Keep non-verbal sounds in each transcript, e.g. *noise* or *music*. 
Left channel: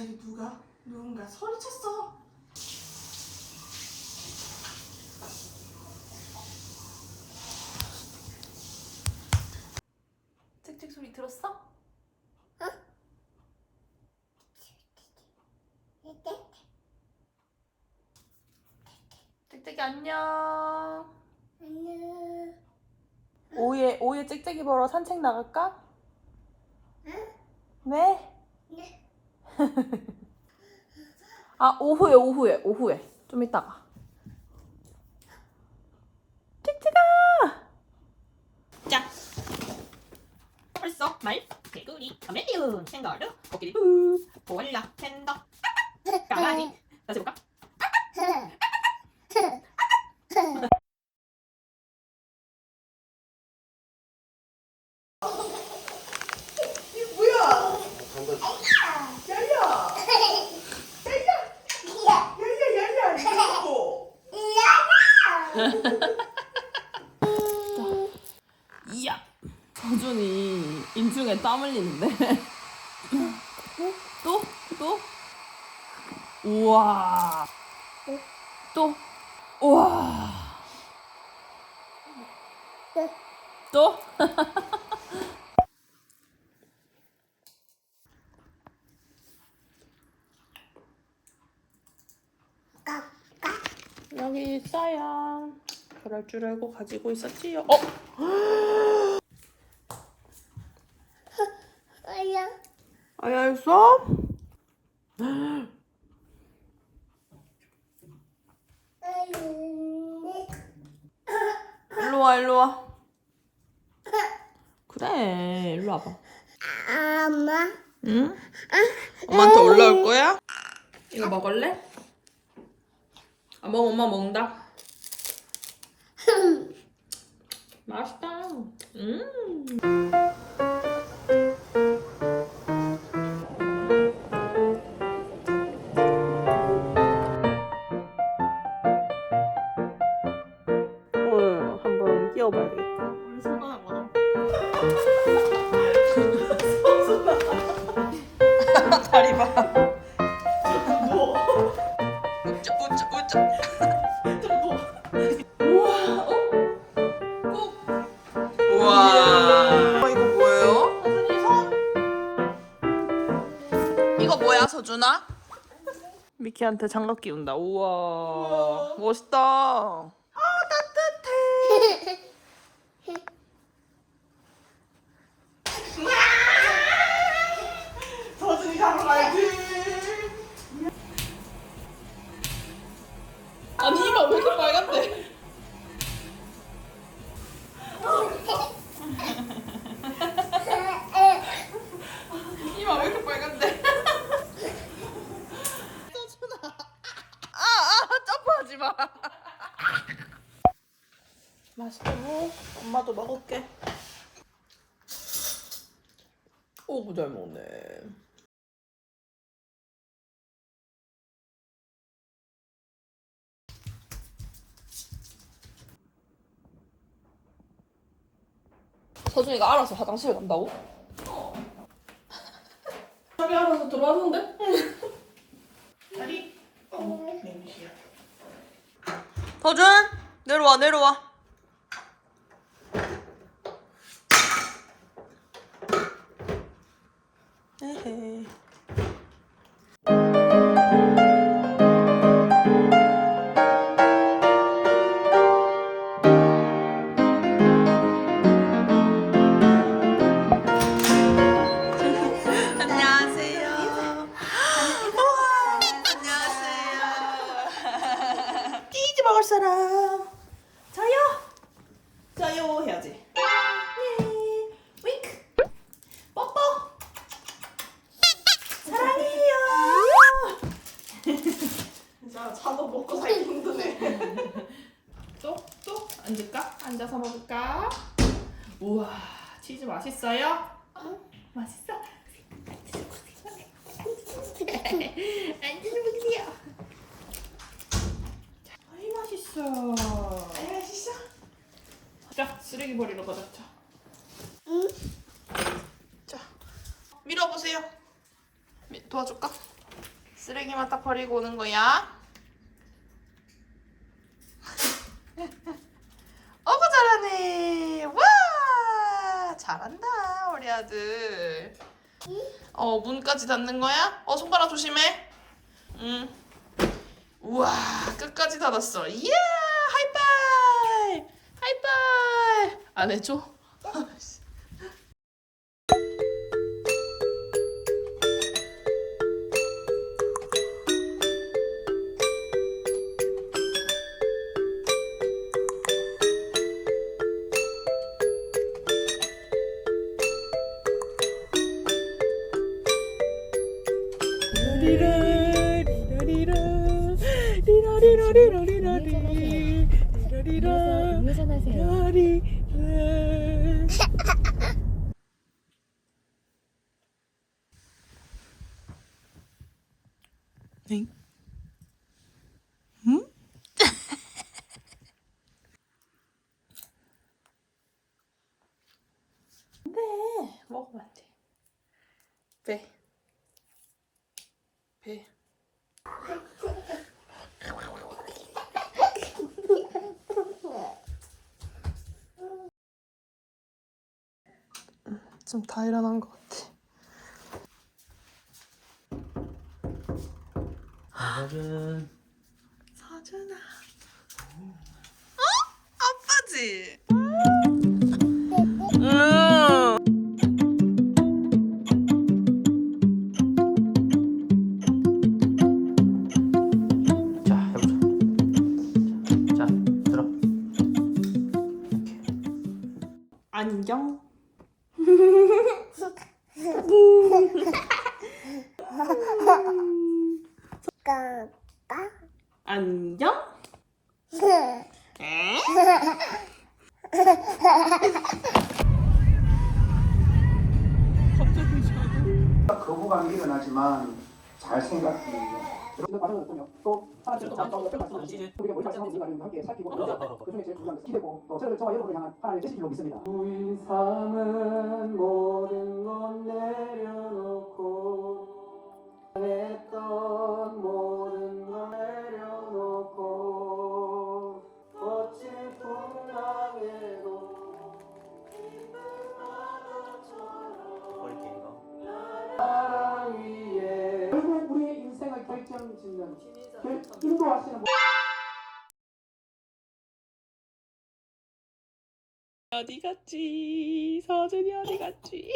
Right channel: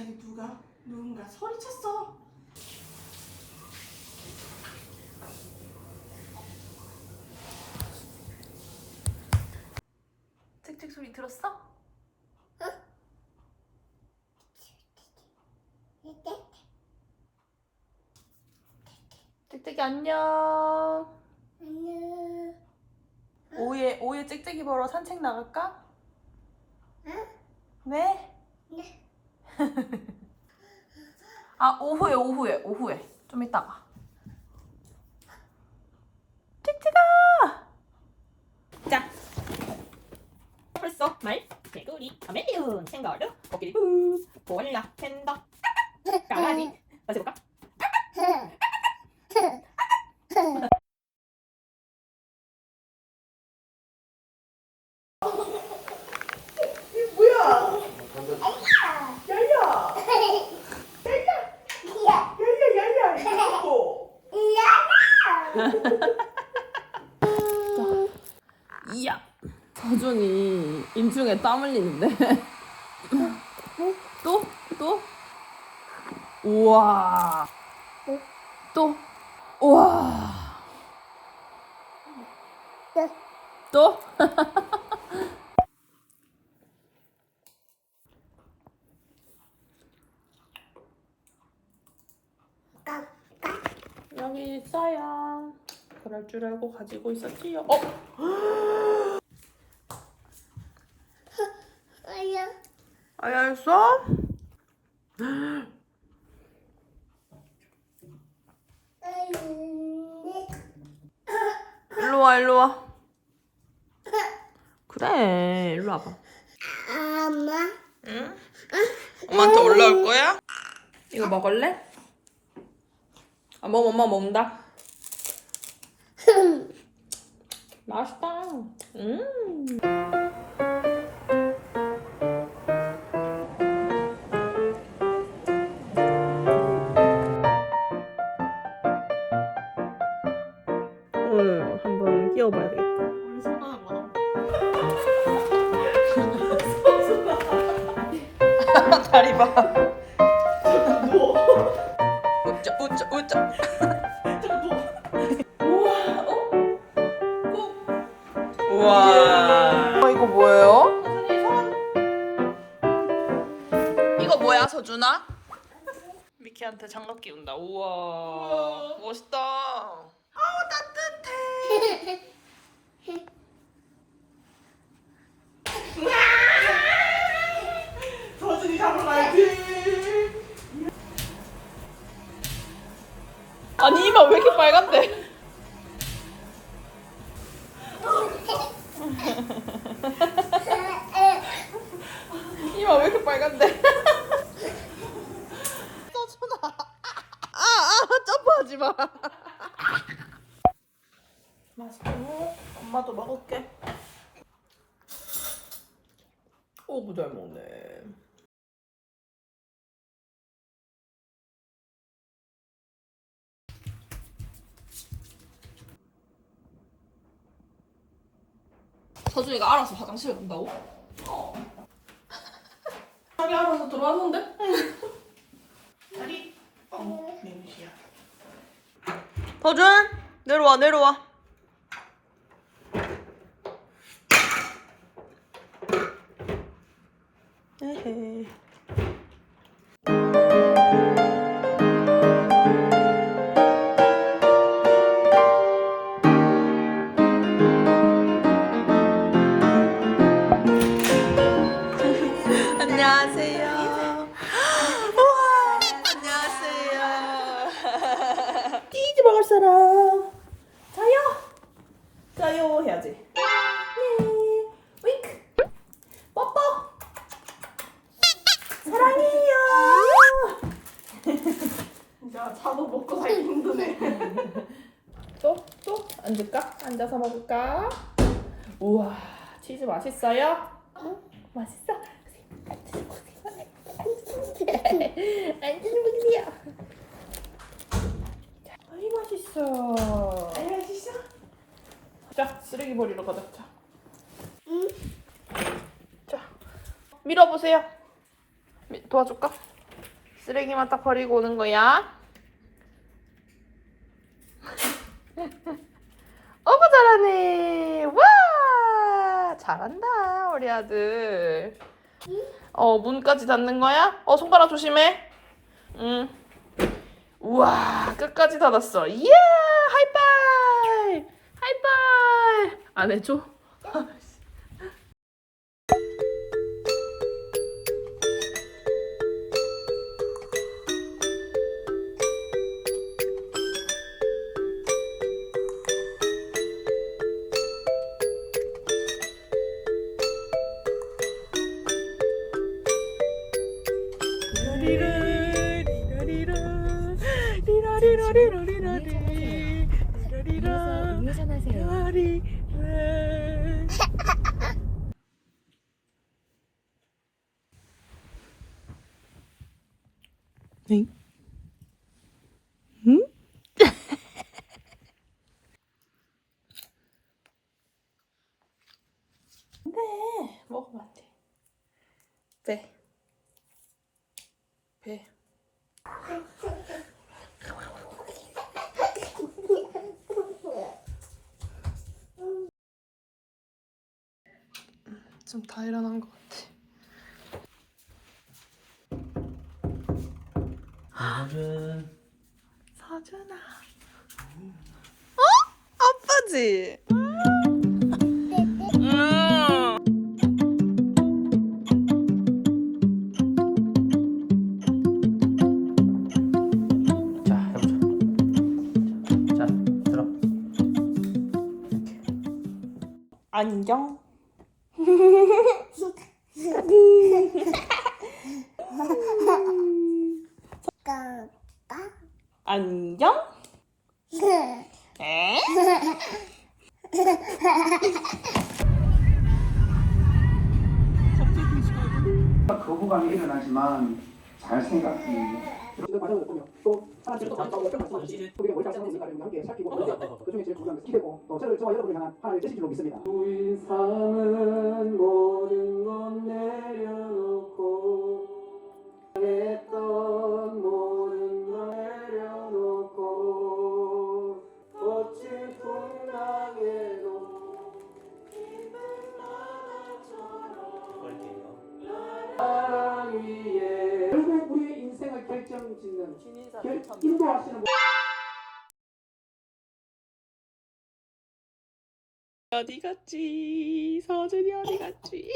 갑자기 누가 누군가 소리쳤어. 찍찍 소리 들었어? 찍찍이 안녕. 안녕. 오후에 오후에 찍찍이 보러 산책 나갈까? 응? 네. 네. 아 오후에 오후에 오후에 좀 이따가. 찍찍아. 자. 벌써 말 개구리 카멜리온 생가르 코끼리 부 보알라 팬더 강아지 다시 볼까? 이야. 서준이 땀 흘리는데. 또? 또? 우와. 또? 우와. 또? *laughs* 여기 있어요. 그럴 줄 알고 가지고 있었지요. 어? 아야. 아야 있어? 일로 와, 일로 와. 그래, 일로 와봐. 엄마. 응? 엄마한테 올라올 거야? 이거 먹을래? 아, 먹, 엄마 먹는다. *laughs* 맛있다. 음. 다리 봐. 웃자, 웃자, 웃자. 우와, 어? 우와. 어, 이거 뭐예요? 이거 뭐야, 서준아? 미키한테 장갑 끼운다. 우와, 멋있다. 잘 먹네. 서준이가 알아서 화장실 간다고? 어. *laughs* 자기 알아서 들어왔는데? 다리. 어, 냄새야. 서준, 내려와, 내려와. 에헤. 앉을까? 앉아서 먹을까? 우와, 치즈 맛있어요? 맛있어? 앉아서 먹으세요. 앉아서 먹으세요. 아이 맛있어. 아이 맛있어. 자, 쓰레기 버리러 가자. 자. 응. 자, 밀어보세요. 미- 도와줄까? 쓰레기만 딱 버리고 오는 거야. *laughs* 잘하네. 와 잘한다 우리 아들. 어 문까지 닫는 거야? 어 손가락 조심해. 응. 우와 끝까지 닫았어. 이야 하이파이 하이파이 안 해줘? *laughs* 응? 응? *laughs* 네, 먹으면 안 돼. 배. 배. 좀 다 일어난 것 같아. 오늘은 서준아. 어? 아빠지? 안녕? 어디 갔지? 서준이 어디 갔지?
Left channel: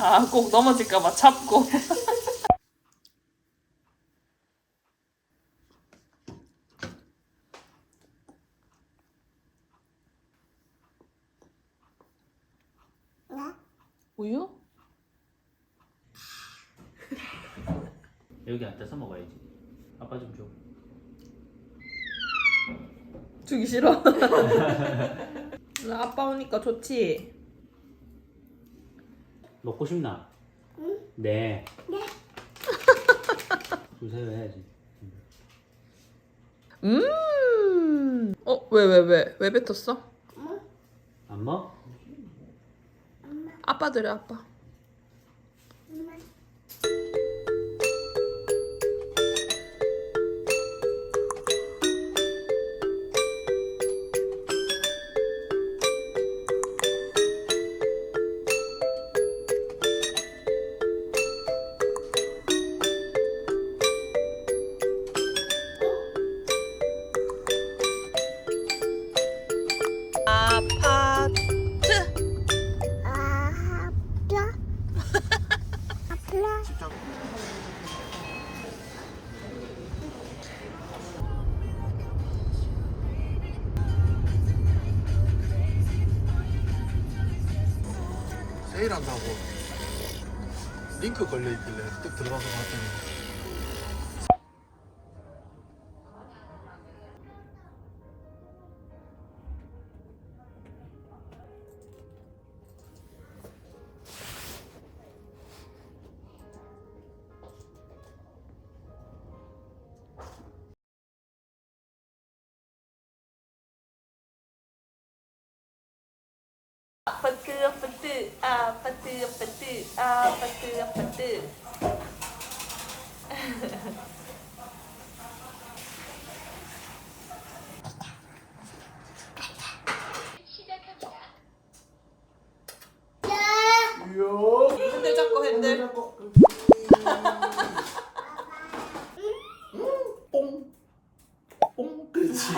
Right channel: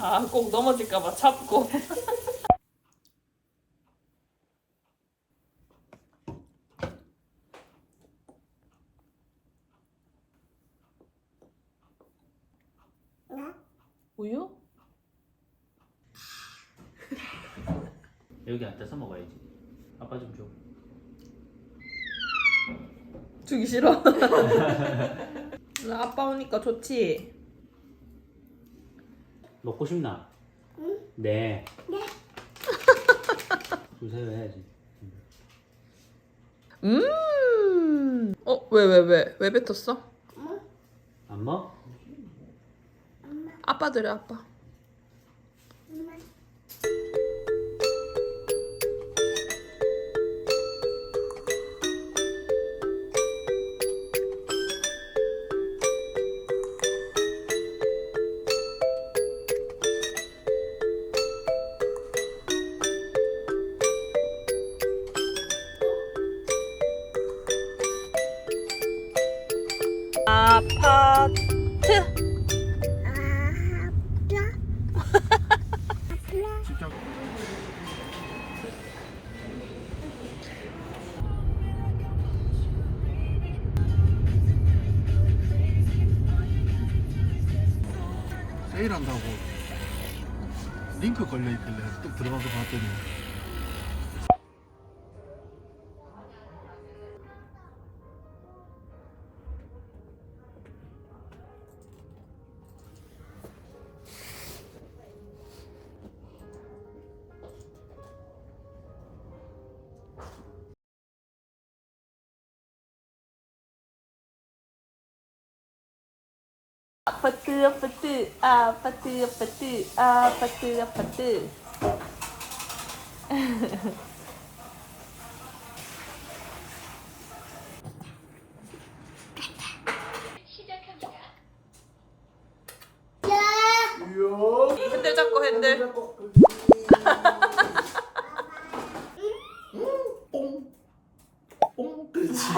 아, 꼭 넘어질까봐 참고. 여기 앉아서 먹어야지. 아빠 좀 줘. 주기 싫어. 나 *laughs* 아빠 오니까 좋지? 먹고 싶나? 응. 네. 네. *laughs* 주세요 해야지. 음. 어, 왜, 왜, 왜? 왜 뱉었어? 안 먹? 아빠 드려, 아빠. 세일한다고 링크 걸려있길래 딱 들어가서 봤더니 아파트 아파트 아파트 아파트 아파트 아파트 핸들 잡고 핸들 뽕 그렇지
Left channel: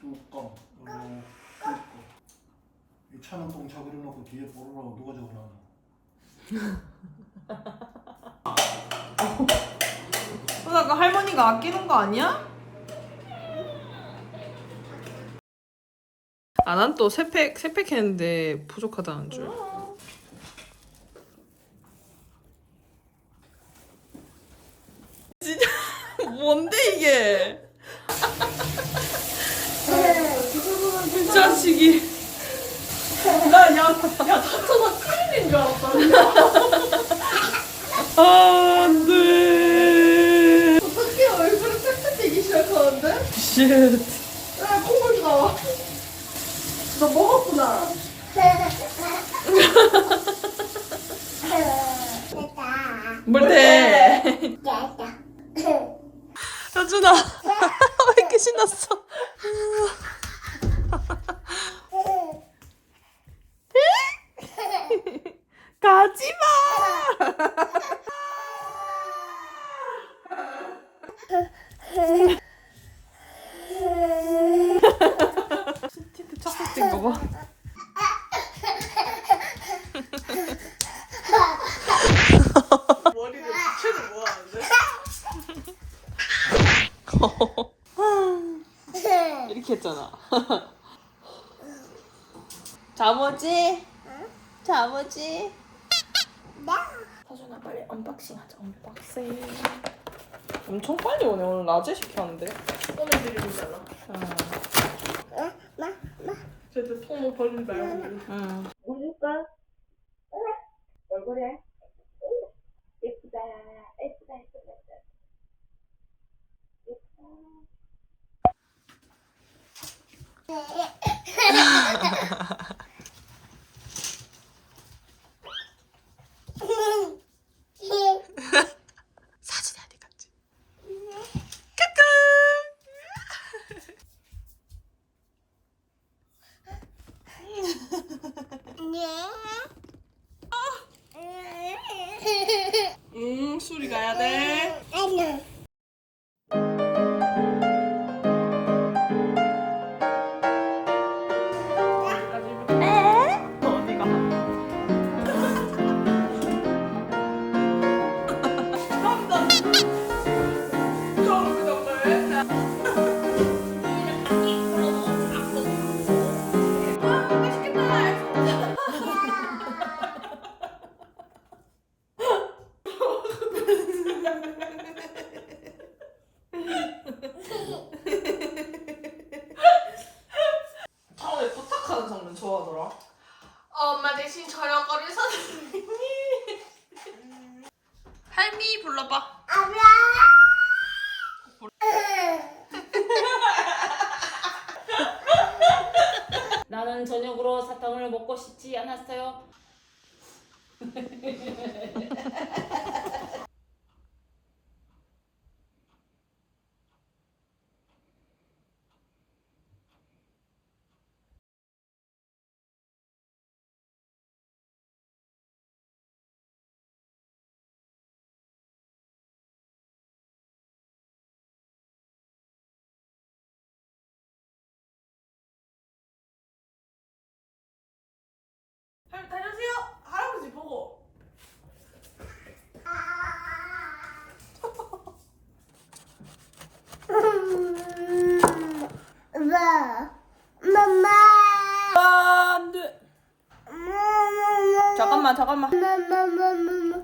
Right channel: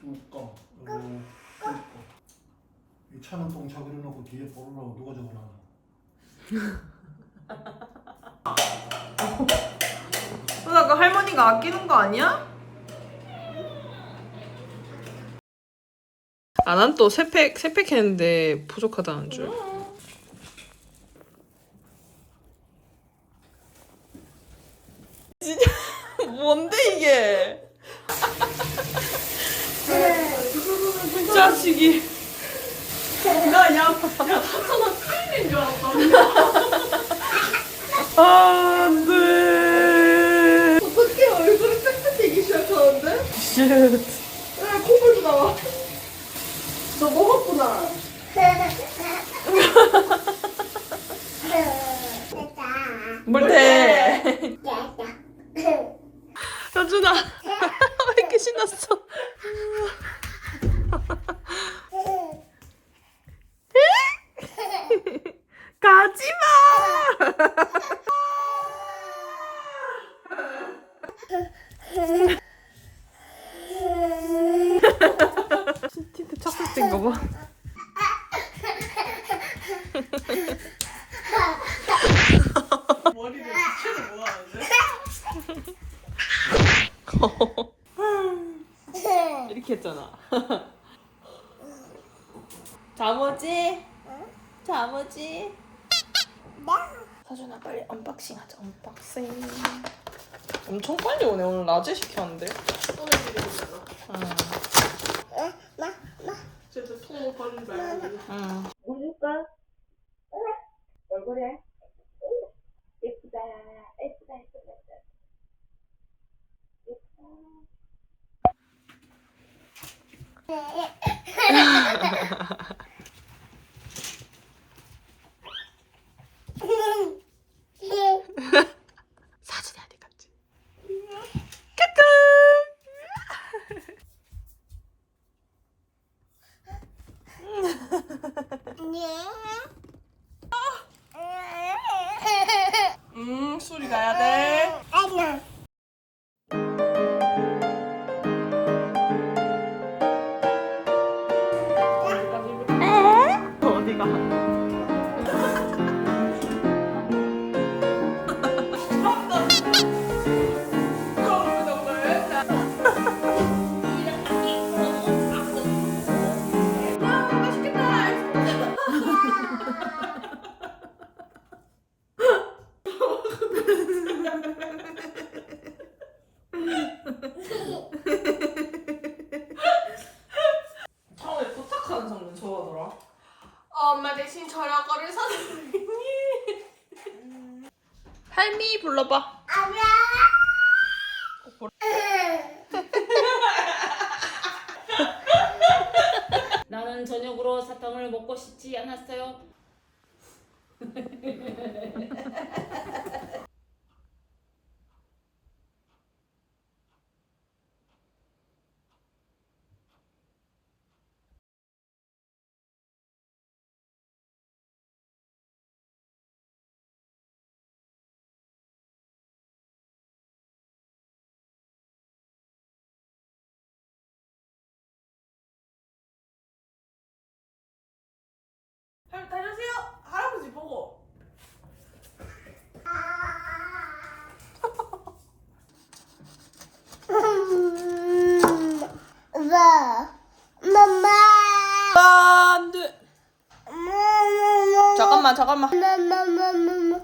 뚜껑 그리고 뚜껑 이 차는 똥차 그려놓고 뒤에 보르라고 누가 적어놨나 누나 그 할머니가 아니야? 아, 난 또 세팩, 세팩 했는데 부족하다는 줄. 진짜, *laughs* 뭔데, 이게? 이 자식이. 나 야, 야, 다쳐서 큰일인 줄 알았다. *laughs* 아, 안 돼. 어떻게 얼굴이 빽빽해지기 시작하는데? 쉣. 야, 콧물도 나와. 너 먹었구나. 뭘 돼? 여준아, 왜 이렇게 신났어? 가지 마! 스티브 착각된 거 봐. 머리를 붙이는 뭐 하는데? 이렇게 했잖아. 자모지? 자모지? 사준아 빨리 언박싱 하자 언박싱. 엄청 빨리 오네 오늘 낮에 시켰는데. 오늘 시켰잖아. 응. 쟤도 손못 벌린다. 응. 우유가 얼굴에 예쁘다 예쁘다 예쁘다 사진이 *laughs* Yeah. *laughs* 나는 저녁으로 사탕을 먹고 싶지 않았어요. *laughs* 할 다녀오세요. 할아버지 보고. 엄마 엄마 안 돼. 잠깐만 잠깐만. 엄마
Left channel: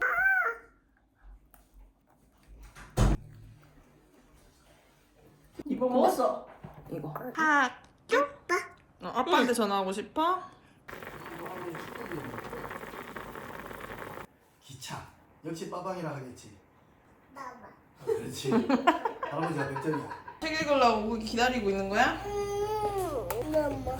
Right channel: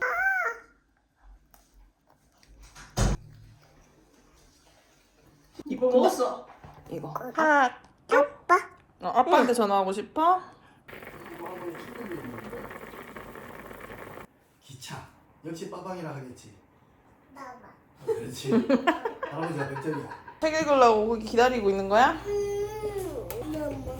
이거 먹었어. 이거. 아빠 어, 아빠한테 전화하고 싶어? 기차 역시 빠방이라 하겠지 봐봐 그렇지. *laughs* 할아버지가 100점이야. 책 읽으려고 기다리고 있는 거야? 엄마